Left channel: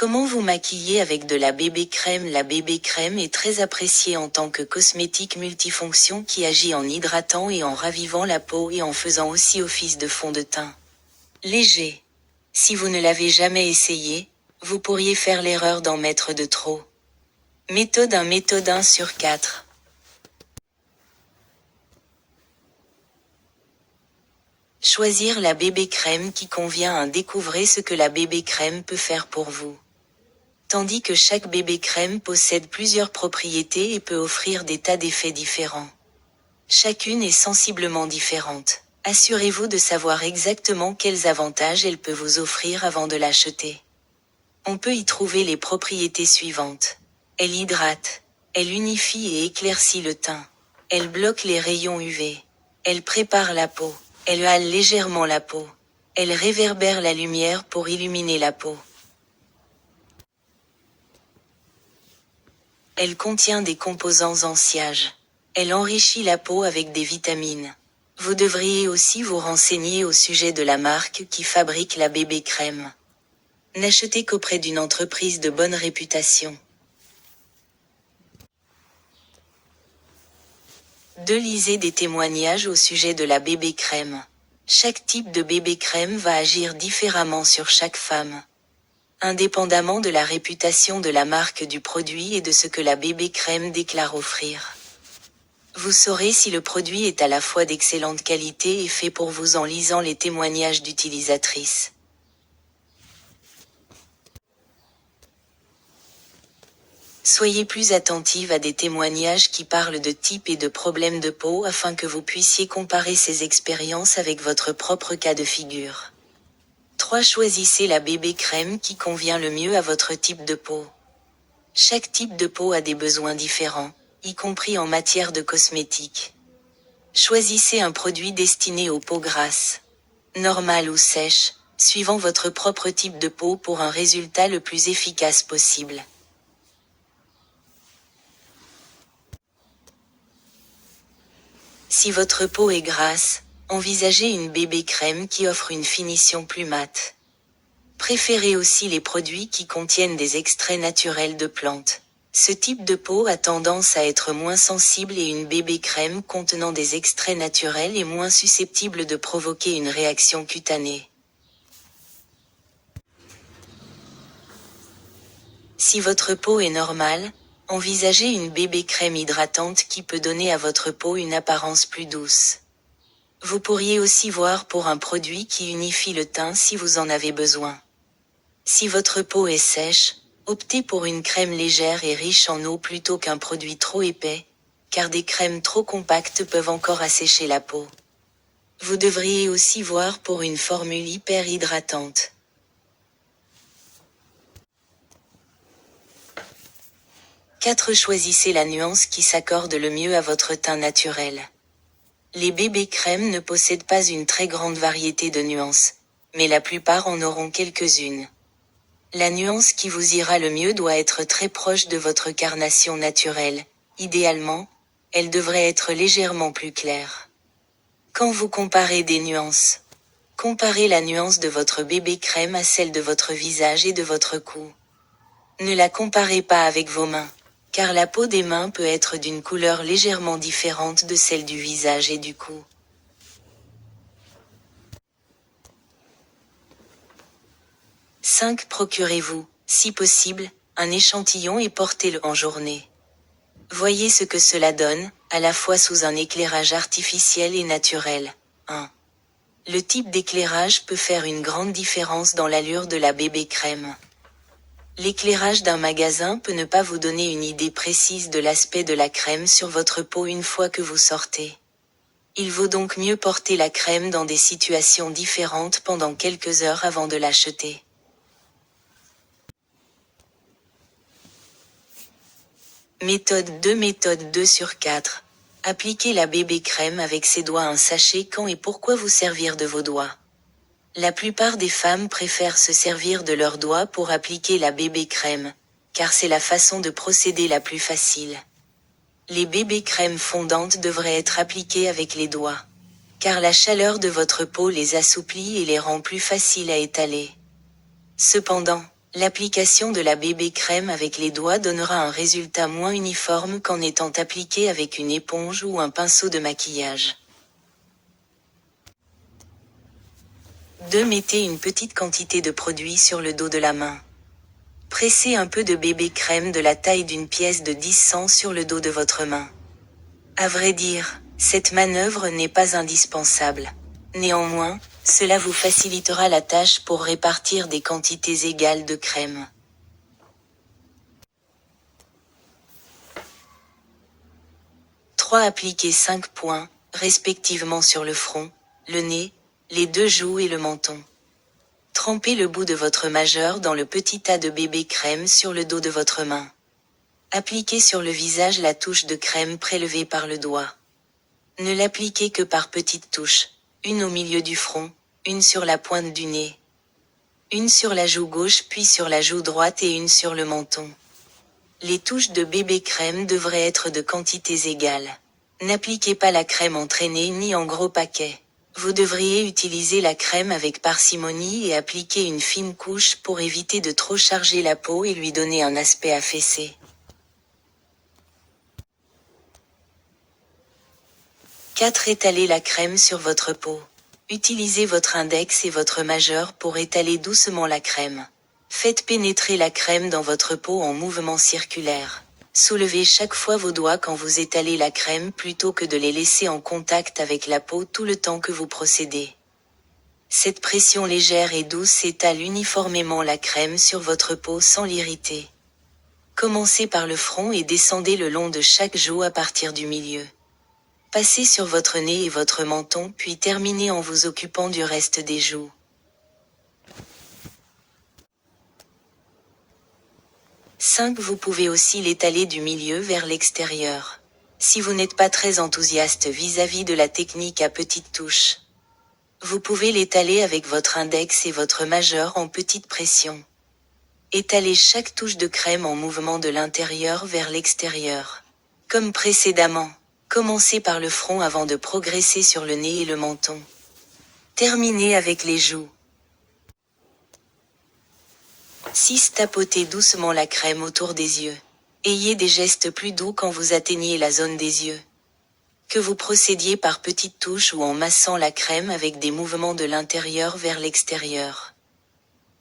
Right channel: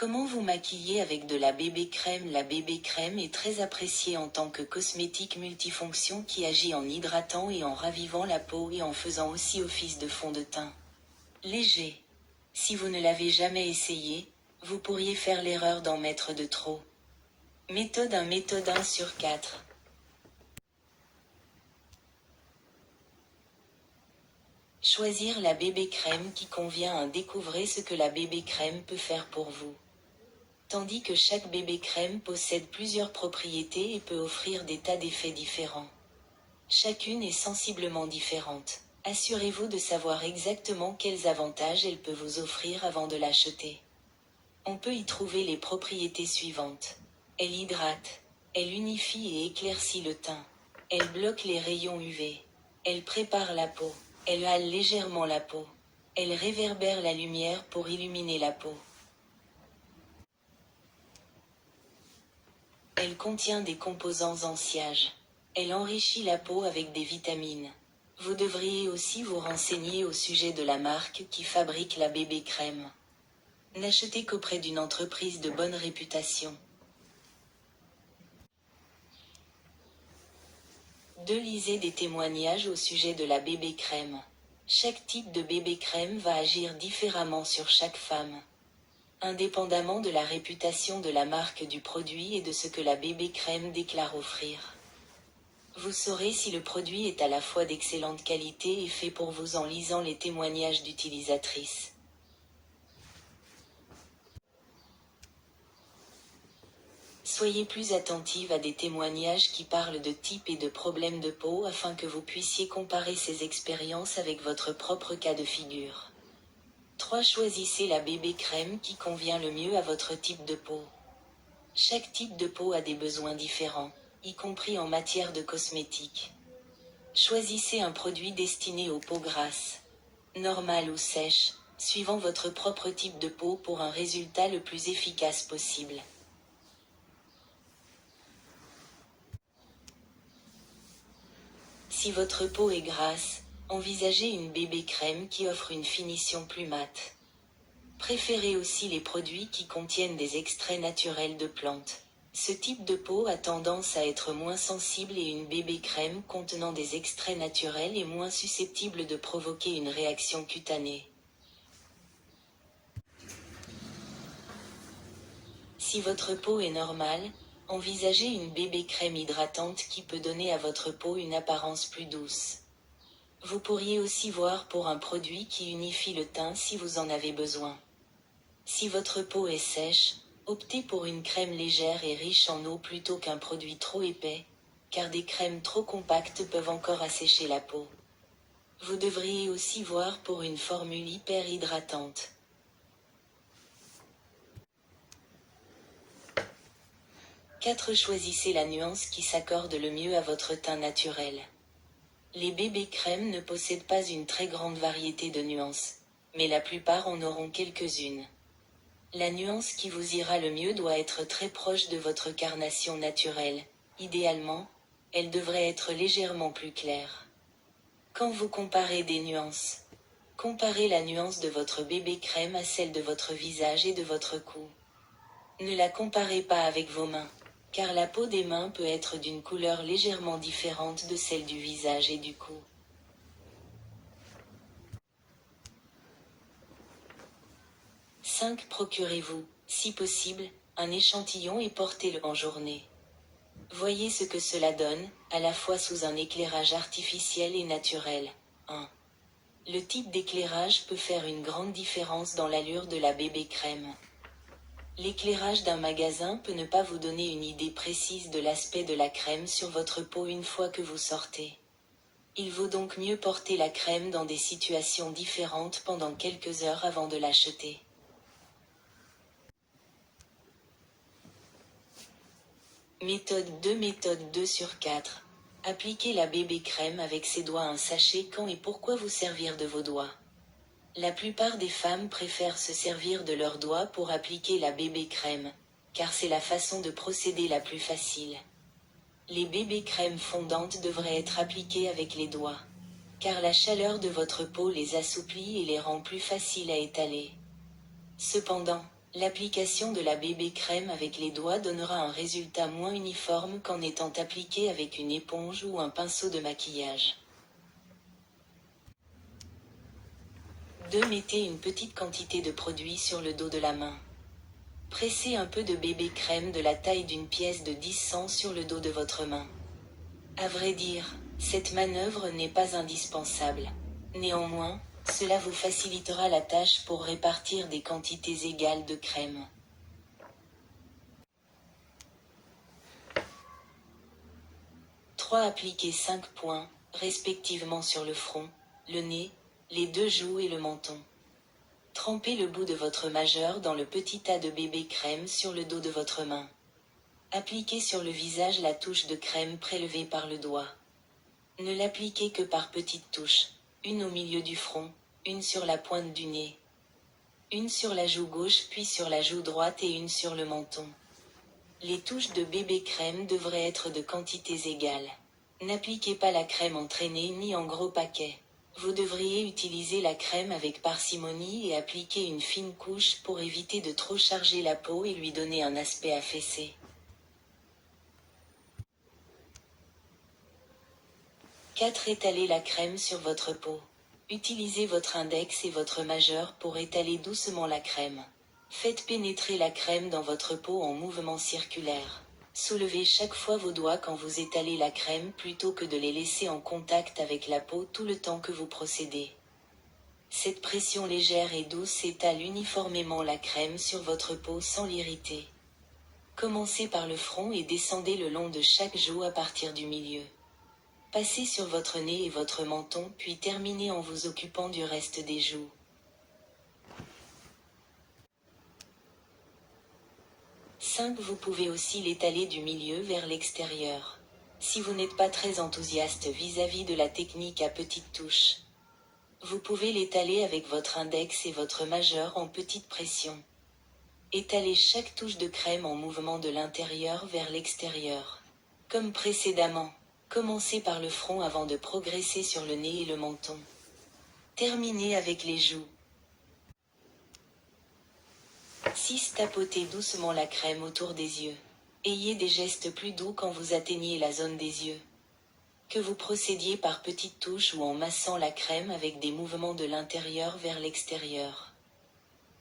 Comment vous maquiller avec de la bébé crème? La bébé crème est très appréciée en tant que cosmétique multifonction qui agit en hydratant et en ravivant la peau et en faisant aussi office de fond de teint. Léger. Si vous ne l'avez jamais essayé, vous pourriez faire l'erreur d'en mettre de trop. Méthode 1. Méthode 1 sur 4. Choisir la bébé crème qui convient. Découvrez ce que la bébé crème peut faire pour vous. Tandis que chaque bébé crème possède plusieurs propriétés et peut offrir des tas d'effets différents. Chacune est sensiblement différente. Assurez-vous de savoir exactement quels avantages elle peut vous offrir avant de l'acheter. On peut y trouver les propriétés suivantes. Elle hydrate. Elle unifie et éclaircit le teint. Elle bloque les rayons UV. Elle prépare la peau. Elle hale légèrement la peau. Elle réverbère la lumière pour illuminer la peau. Elle contient des composants anti-âge. Elle enrichit la peau avec des vitamines. Vous devriez aussi vous renseigner au sujet de la marque qui fabrique la bébé crème. N'achetez qu'auprès d'une entreprise de bonne réputation. 2. Lisez des témoignages au sujet de la bébé crème. Chaque type de bébé crème va agir différemment sur chaque femme. Indépendamment de la réputation de la marque du produit et de ce que la bébé crème déclare offrir. Vous saurez si le produit est à la fois d'excellente qualité et fait pour vous en lisant les témoignages d'utilisatrices. Soyez plus attentive à des témoignages qui parlent de types et de problèmes de peau afin que vous puissiez comparer ces expériences avec votre propre cas de figure. 3. Choisissez la bébé crème qui convient le mieux à votre type de peau. Chaque type de peau a des besoins différents, y compris en matière de cosmétiques. Choisissez un produit destiné aux peaux grasses, normales ou sèches, suivant votre propre type de peau pour un résultat le plus efficace possible. Si votre peau est grasse, envisagez une bébé crème qui offre une finition plus mate. Préférez aussi les produits qui contiennent des extraits naturels de plantes. Ce type de peau a tendance à être moins sensible et une bébé crème contenant des extraits naturels est moins susceptible de provoquer une réaction cutanée. Si votre peau est normale, envisagez une bébé crème hydratante qui peut donner à votre peau une apparence plus douce. Vous pourriez aussi voir pour un produit qui unifie le teint si vous en avez besoin. Si votre peau est sèche, optez pour une crème légère et riche en eau plutôt qu'un produit trop épais, car des crèmes trop compactes peuvent encore assécher la peau. Vous devriez aussi voir pour une formule hyper hydratante. 4. Choisissez la nuance qui s'accorde le mieux à votre teint naturel. Les bébés crèmes ne possèdent pas une très grande variété de nuances, mais la plupart en auront quelques-unes. La nuance qui vous ira le mieux doit être très proche de votre carnation naturelle. Idéalement, elle devrait être légèrement plus claire. Quand vous comparez des nuances, comparez la nuance de votre bébé crème à celle de votre visage et de votre cou. Ne la comparez pas avec vos mains, car la peau des mains peut être d'une couleur légèrement différente de celle du visage et du cou. 5. Procurez-vous, si possible, un échantillon et portez-le en journée. Voyez ce que cela donne, à la fois sous un éclairage artificiel et naturel. 1. Le type d'éclairage peut faire une grande différence dans l'allure de la bébé crème. L'éclairage d'un magasin peut ne pas vous donner une idée précise de l'aspect de la crème sur votre peau une fois que vous sortez. Il vaut donc mieux porter la crème dans des situations différentes pendant quelques heures avant de l'acheter. Méthode 2. Méthode 2 sur 4. Appliquez la bébé crème avec ses doigts. Un sachet quand et pourquoi vous servir de vos doigts. La plupart des femmes préfèrent se servir de leurs doigts pour appliquer la bébé crème, car c'est la façon de procéder la plus facile. Les bébés crèmes fondantes devraient être appliquées avec les doigts, car la chaleur de votre peau les assouplit et les rend plus faciles à étaler. Cependant, L'application de la bébé crème avec les doigts donnera un résultat moins uniforme qu'en étant appliqué avec une éponge ou un pinceau de maquillage. 2. Mettez une petite quantité de produit sur le dos de la main. Pressez un peu de bébé crème de la taille d'une pièce de 10 cents sur le dos de votre main. À vrai dire, cette manœuvre n'est pas indispensable. Néanmoins, cela vous facilitera la tâche pour répartir des quantités égales de crème. 3. Appliquez 5 points, respectivement sur le front, le nez, les 2 joues et le menton. Trempez le bout de votre majeur dans le petit tas de bébé crème sur le dos de votre main. Appliquez sur le visage la touche de crème prélevée par le doigt. Ne l'appliquez que par petites touches, une au milieu du front, une sur la pointe du nez, une sur la joue gauche puis sur la joue droite et une sur le menton. Les touches de bébé crème devraient être de quantités égales. N'appliquez pas la crème en traînée ni en gros paquets. Vous devriez utiliser la crème avec parcimonie et appliquer une fine couche pour éviter de trop charger la peau et lui donner un aspect affaissé. 4. Étalez la crème sur votre peau. Utilisez votre index et votre majeur pour étaler doucement la crème. Faites pénétrer la crème dans votre peau en mouvements circulaires. Soulevez chaque fois vos doigts quand vous étalez la crème plutôt que de les laisser en contact avec la peau tout le temps que vous procédez. Cette pression légère et douce étale uniformément la crème sur votre peau sans l'irriter. Commencez par le front et descendez le long de chaque joue à partir du milieu. Passez sur votre nez et votre menton puis terminez en vous occupant du reste des joues. 5. Vous pouvez aussi l'étaler du milieu vers l'extérieur. Si vous n'êtes pas très enthousiaste vis-à-vis de la technique à petites touches, vous pouvez l'étaler avec votre index et votre majeur en petite pression. Étalez chaque touche de crème en mouvement de l'intérieur vers l'extérieur. Comme précédemment, commencez par le front avant de progresser sur le nez et le menton. Terminez avec les joues. 6. Tapotez doucement la crème autour des yeux. Ayez des gestes plus doux quand vous atteignez la zone des yeux. Que vous procédiez par petites touches ou en massant la crème avec des mouvements de l'intérieur vers l'extérieur.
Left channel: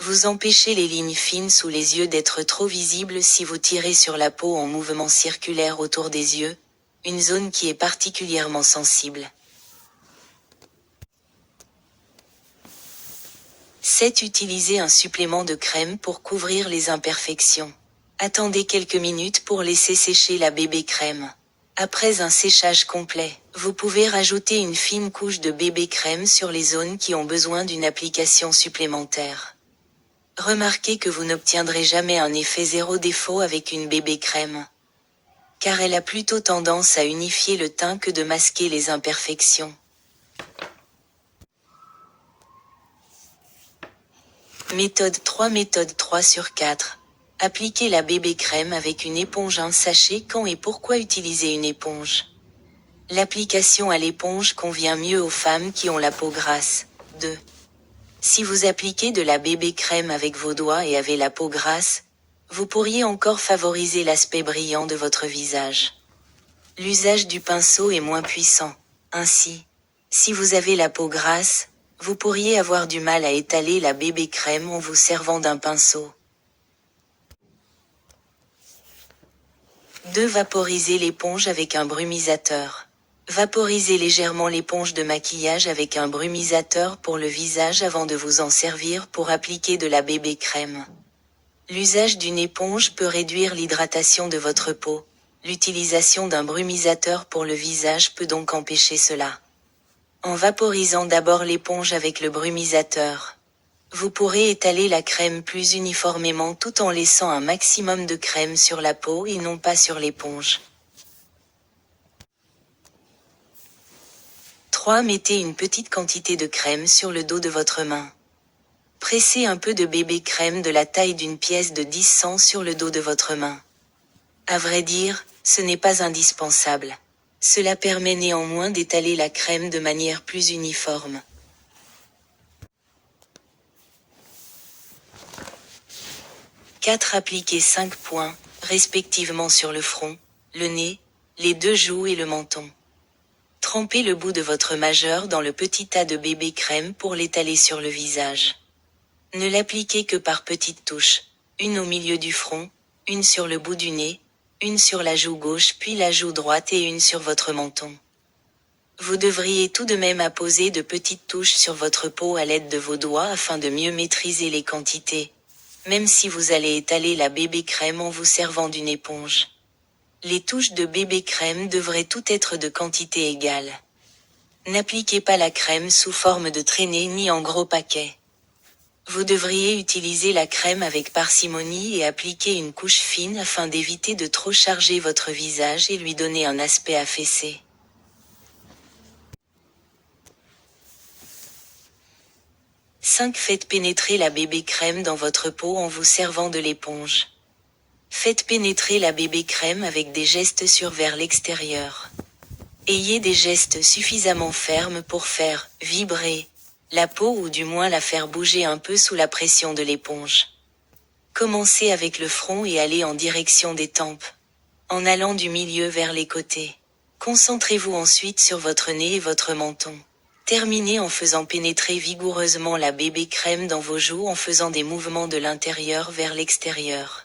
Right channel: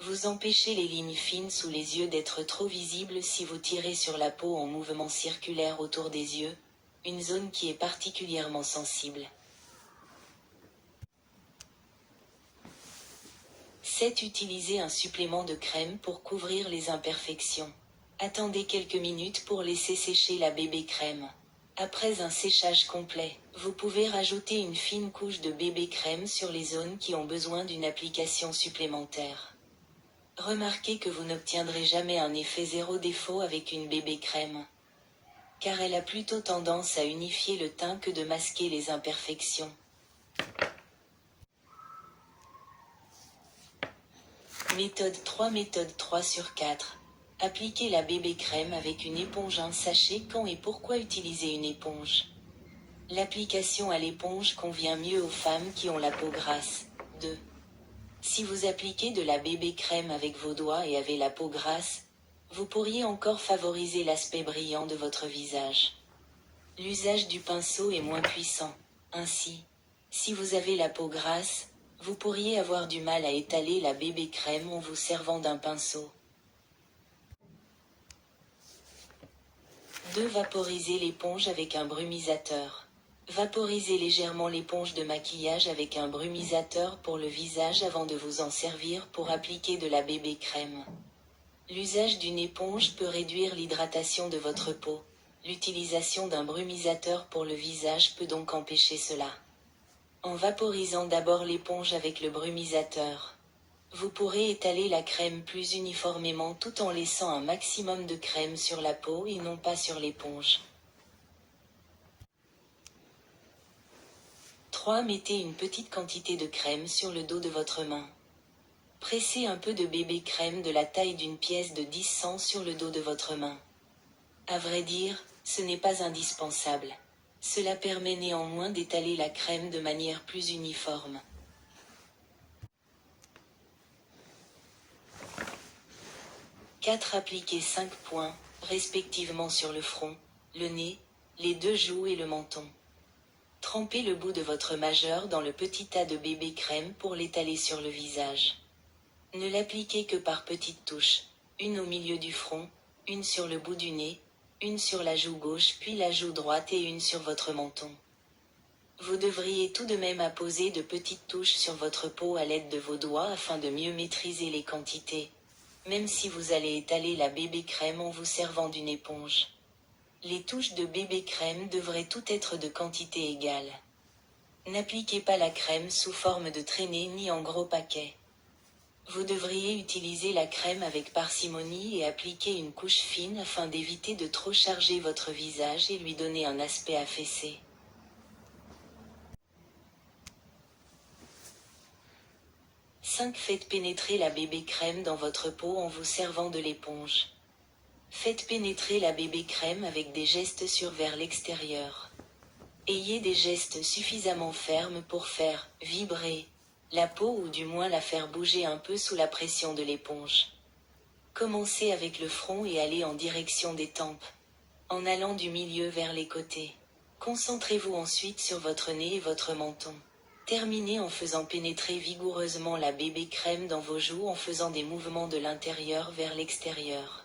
Vous empêchez les lignes fines sous les yeux d'être trop visibles si vous tirez sur la peau en mouvement circulaire autour des yeux, une zone qui est particulièrement sensible. 7. Utilisez un supplément de crème pour couvrir les imperfections. Attendez quelques minutes pour laisser sécher la bébé crème. Après un séchage complet, vous pouvez rajouter une fine couche de bébé crème sur les zones qui ont besoin d'une application supplémentaire. Remarquez que vous n'obtiendrez jamais un effet zéro défaut avec une bébé crème, car elle a plutôt tendance à unifier le teint que de masquer les imperfections. Méthode 3. Méthode 3 sur 4. Appliquez la bébé crème avec une éponge. Un sachet. Quand et pourquoi utiliser une éponge? L'application à l'éponge convient mieux aux femmes qui ont la peau grasse. 2. Si vous appliquez de la bébé crème avec vos doigts et avez la peau grasse, vous pourriez encore favoriser l'aspect brillant de votre visage. L'usage du pinceau est moins puissant. Ainsi, si vous avez la peau grasse, vous pourriez avoir du mal à étaler la bébé crème en vous servant d'un pinceau. 2. Vaporiser l'éponge avec un brumisateur. Vaporisez légèrement l'éponge de maquillage avec un brumisateur pour le visage avant de vous en servir pour appliquer de la bébé crème. L'usage d'une éponge peut réduire l'hydratation de votre peau. L'utilisation d'un brumisateur pour le visage peut donc empêcher cela. En vaporisant d'abord l'éponge avec le brumisateur, vous pourrez étaler la crème plus uniformément tout en laissant un maximum de crème sur la peau et non pas sur l'éponge. 3. Mettez une petite quantité de crème sur le dos de votre main. Pressez un peu de bébé crème de la taille d'une pièce de 10 cents sur le dos de votre main. À vrai dire, ce n'est pas indispensable. Cela permet néanmoins d'étaler la crème de manière plus uniforme. 4. Appliquez 5 points, respectivement sur le front, le nez, les 2 joues et le menton. Trempez le bout de votre majeur dans le petit tas de bébé crème pour l'étaler sur le visage. Ne l'appliquez que par petites touches, une au milieu du front, une sur le bout du nez, une sur la joue gauche puis la joue droite et une sur votre menton. Vous devriez tout de même apposer de petites touches sur votre peau à l'aide de vos doigts afin de mieux maîtriser les quantités, même si vous allez étaler la bébé crème en vous servant d'une éponge. Les touches de bébé crème devraient toutes être de quantité égale. N'appliquez pas la crème sous forme de traînée ni en gros paquets. Vous devriez utiliser la crème avec parcimonie et appliquer une couche fine afin d'éviter de trop charger votre visage et lui donner un aspect affaissé. 5. Faites pénétrer la bébé crème dans votre peau en vous servant de l'éponge. Faites pénétrer la bébé crème avec des gestes sur vers l'extérieur. Ayez des gestes suffisamment fermes pour faire vibrer la peau ou du moins la faire bouger un peu sous la pression de l'éponge. Commencez avec le front et allez en direction des tempes, en allant du milieu vers les côtés. Concentrez-vous ensuite sur votre nez et votre menton. Terminez en faisant pénétrer vigoureusement la bébé crème dans vos joues en faisant des mouvements de l'intérieur vers l'extérieur.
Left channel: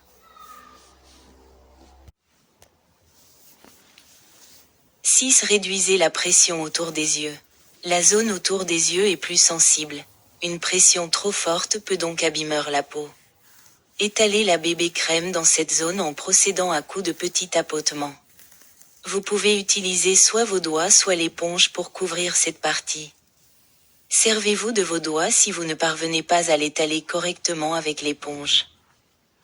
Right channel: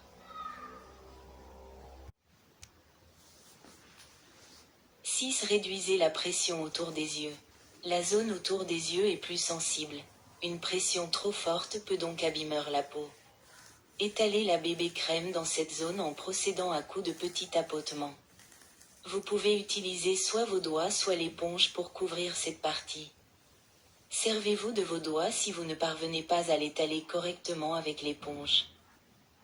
6. Réduisez la pression autour des yeux. La zone autour des yeux est plus sensible. Une pression trop forte peut donc abîmer la peau. Étalez la bébé crème dans cette zone en procédant à coups de petits tapotements. Vous pouvez utiliser soit vos doigts soit l'éponge pour couvrir cette partie. Servez-vous de vos doigts si vous ne parvenez pas à l'étaler correctement avec l'éponge.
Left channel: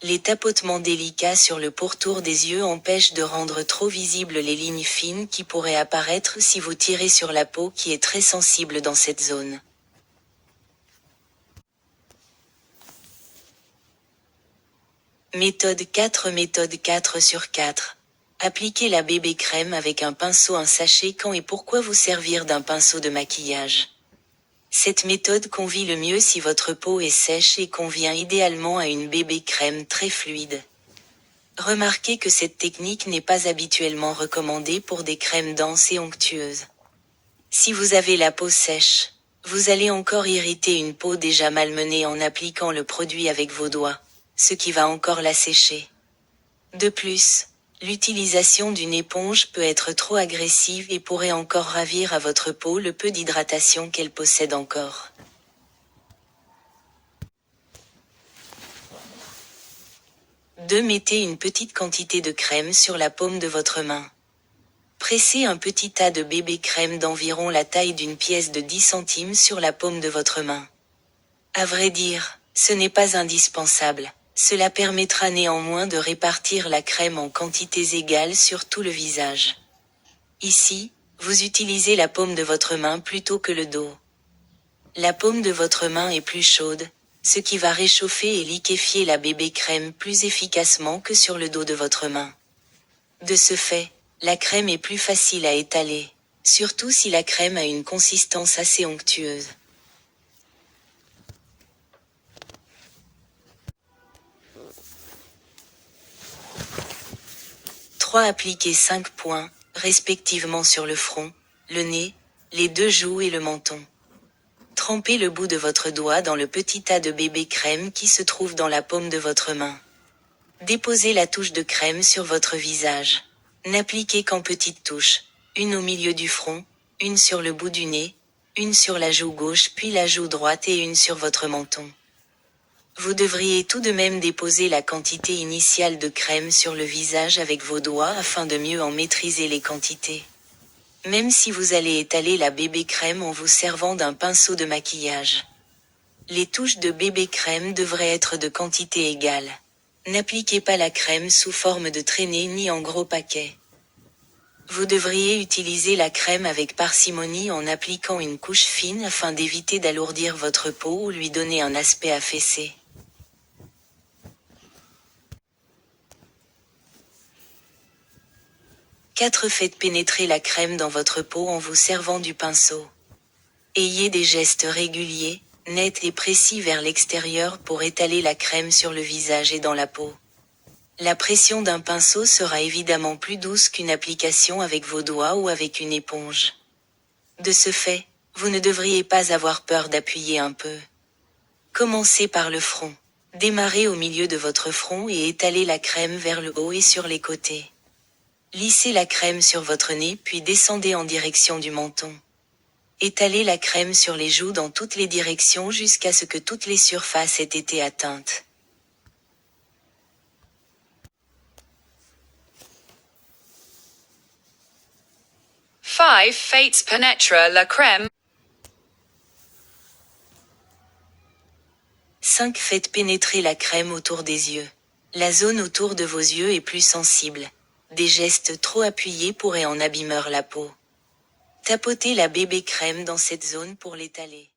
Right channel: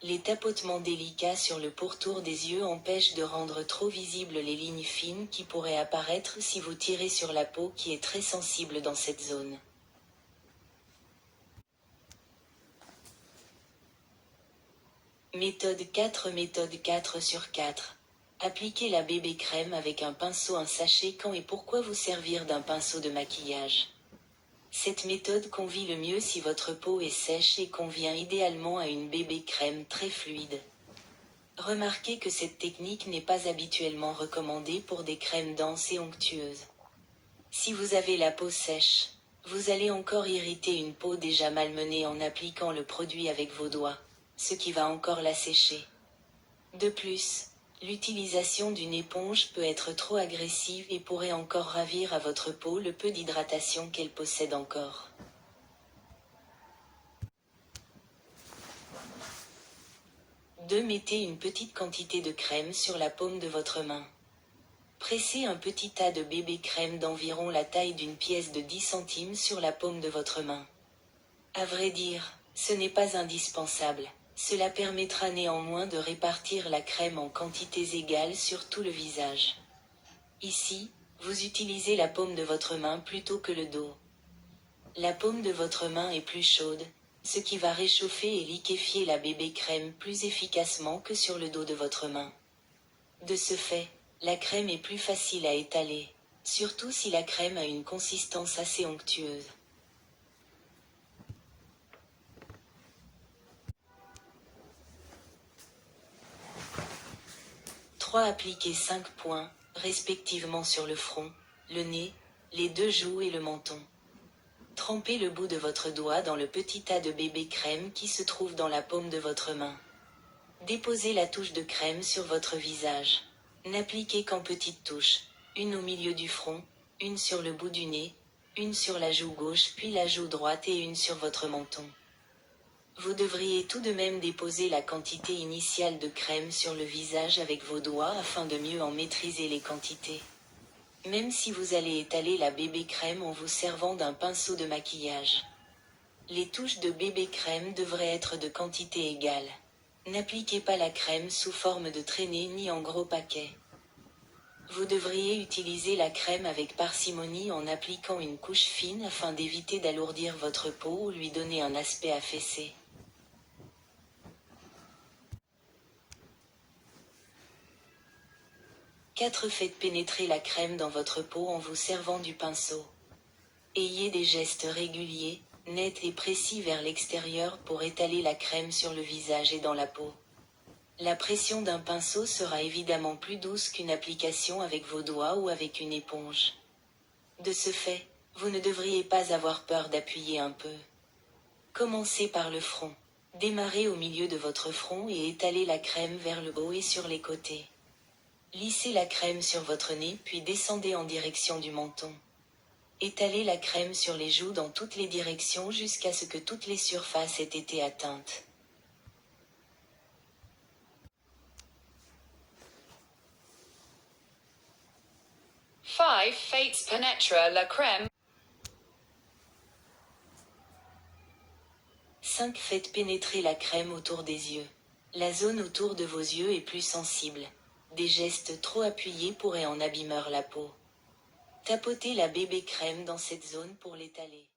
Les tapotements délicats sur le pourtour des yeux empêchent de rendre trop visibles les lignes fines qui pourraient apparaître si vous tirez sur la peau qui est très sensible dans cette zone. Méthode 4. Méthode 4 sur 4. Appliquez la bébé crème avec un pinceau. Un sachet. Quand et pourquoi vous servir d'un pinceau de maquillage? Cette méthode convient le mieux si votre peau est sèche et convient idéalement à une bébé crème très fluide. Remarquez que cette technique n'est pas habituellement recommandée pour des crèmes denses et onctueuses. Si vous avez la peau sèche, vous allez encore irriter une peau déjà malmenée en appliquant le produit avec vos doigts, ce qui va encore l'assécher. De plus, l'utilisation d'une éponge peut être trop agressive et pourrait encore ravir à votre peau le peu d'hydratation qu'elle possède encore. Mettez une petite quantité de crème sur la paume de votre main. Pressez un petit tas de bébé crème d'environ la taille d'une pièce de 10 centimes sur la paume de votre main. À vrai dire, ce n'est pas indispensable. Cela permettra néanmoins de répartir la crème en quantités égales sur tout le visage. Ici, vous utilisez la paume de votre main plutôt que le dos. La paume de votre main est plus chaude, ce qui va réchauffer et liquéfier la bébé crème plus efficacement que sur le dos de votre main. De ce fait, la crème est plus facile à étaler, surtout si la crème a une consistance assez onctueuse. 3. Appliquez 5 points, respectivement sur le front, le nez, les 2 joues et le menton. Trempez le bout de votre doigt dans le petit tas de bébé crème qui se trouve dans la paume de votre main. Déposez la touche de crème sur votre visage. N'appliquez qu'en petites touches, une au milieu du front, une sur le bout du nez, une sur la joue gauche puis la joue droite et une sur votre menton. Vous devriez tout de même déposer la quantité initiale de crème sur le visage avec vos doigts afin de mieux en maîtriser les quantités. Même si vous allez étaler la bébé crème en vous servant d'un pinceau de maquillage. Les touches de bébé crème devraient être de quantité égale. N'appliquez pas la crème sous forme de traînée ni en gros paquets. Vous devriez utiliser la crème avec parcimonie en appliquant une couche fine afin d'éviter d'alourdir votre peau ou lui donner un aspect affaissé. 4. Faites pénétrer la crème dans votre peau en vous servant du pinceau. Ayez des gestes réguliers, net et précis vers l'extérieur pour étaler la crème sur le visage et dans la peau. La pression d'un pinceau sera évidemment plus douce qu'une application avec vos doigts ou avec une éponge. De ce fait, vous ne devriez pas avoir peur d'appuyer un peu. Commencez par le front. Démarrez au milieu de votre front et étalez la crème vers le haut et sur les côtés. Lissez la crème sur votre nez puis descendez en direction du menton. Étalez la crème sur les joues dans toutes les directions jusqu'à ce que toutes les surfaces aient été atteintes. Faites pénétrer la crème. 5. Faites pénétrer la crème autour des yeux. La zone autour de vos yeux est plus sensible. Des gestes trop appuyés pourraient en abîmer la peau. Tapotez la bébé crème dans cette zone pour l'étaler.